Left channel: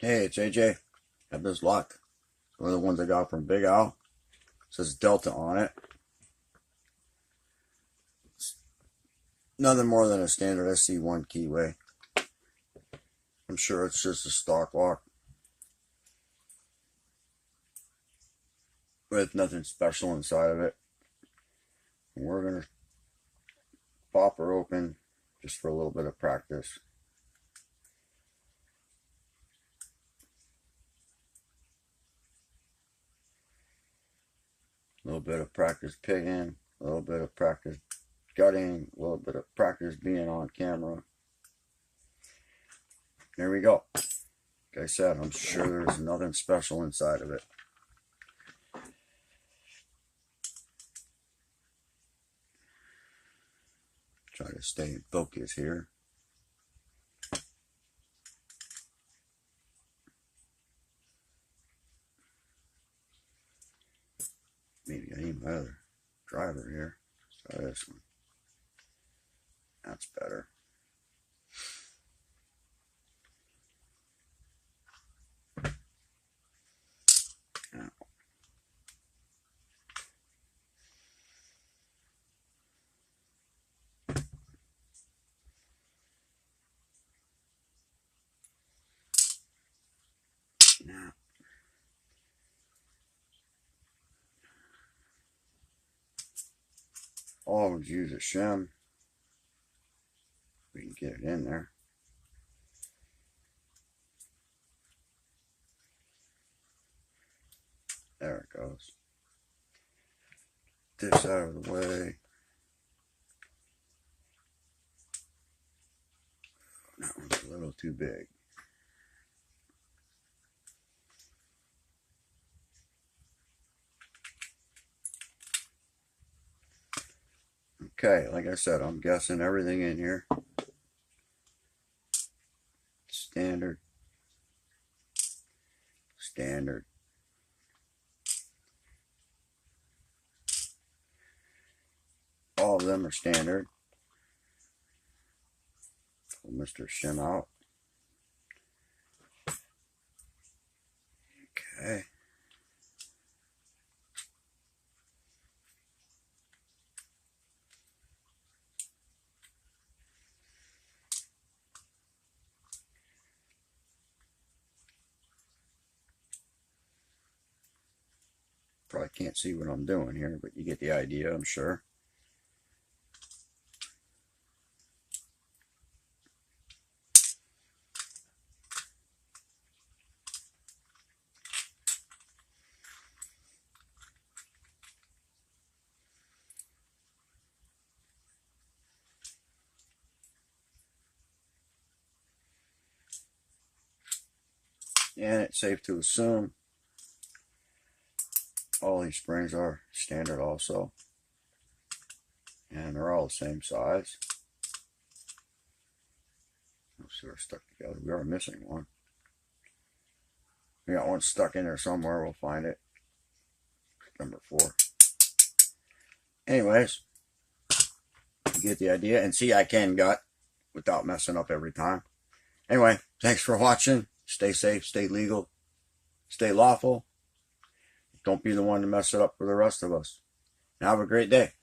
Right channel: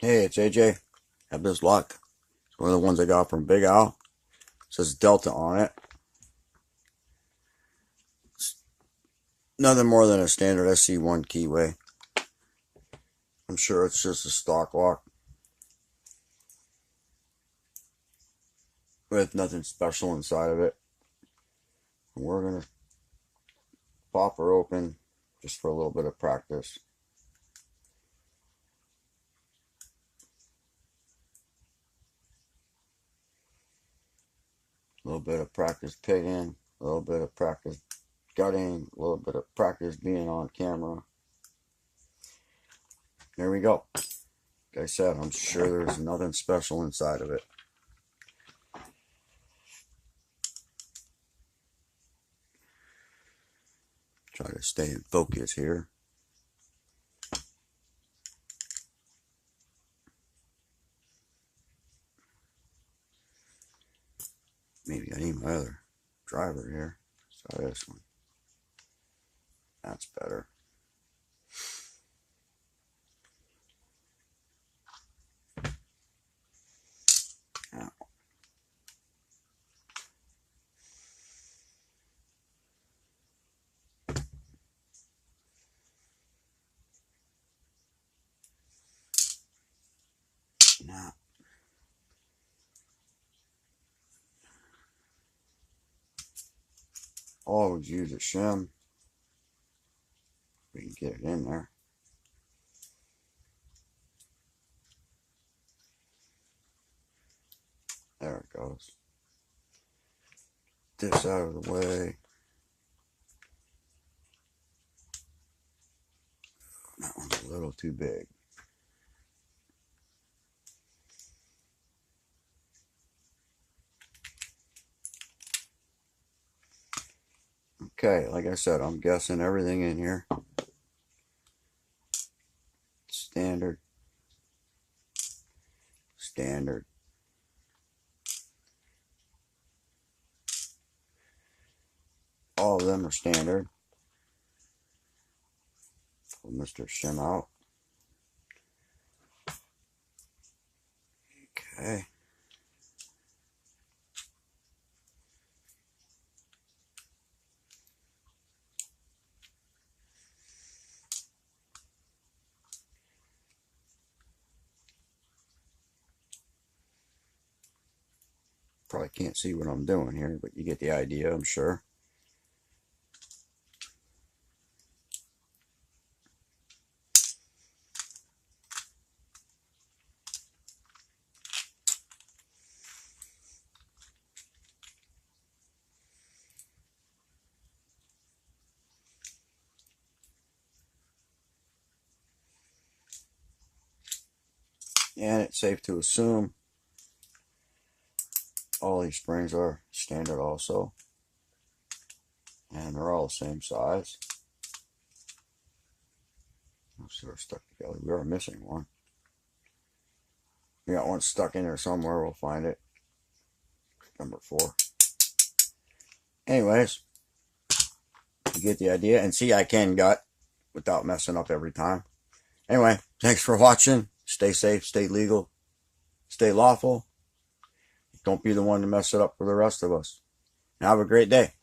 Hey, it's AJ. Have this lock. It's one of the ones I got from Big Al. It says Delta on it. It's nothing more than a standard SC1 keyway. I'm sure it's just a stock lock with nothing special inside of it. And we're going to pop her open just for a little bit of practice. A little bit of practice pigging, a little bit of practice gutting, a little bit of practice being on camera. There we go. Like I said, I'm sure there's nothing special inside of it. Try to stay in focus here. Maybe I need my other driver here. So this one. That's better. Now. Now. Always use a shim. We can get it in there. There it goes. This out of the way. That one's a little too big. Okay, like I said, I'm guessing everything in here. Standard. Standard. All of them are standard. Pull Mr. Shim out. Okay. Probably can't see what I'm doing here, but you get the idea, I'm sure. And it's safe to assume all these springs are standard also. And they're all the same size. So they're stuck together. We are missing one. We got one stuck in there somewhere. We'll find it. Number 4. Anyways, you get the idea. And see, I can gut without messing up every time. Anyway, thanks for watching. Stay safe, stay legal, stay lawful. Don't be the one to mess it up for the rest of us. Have a great day.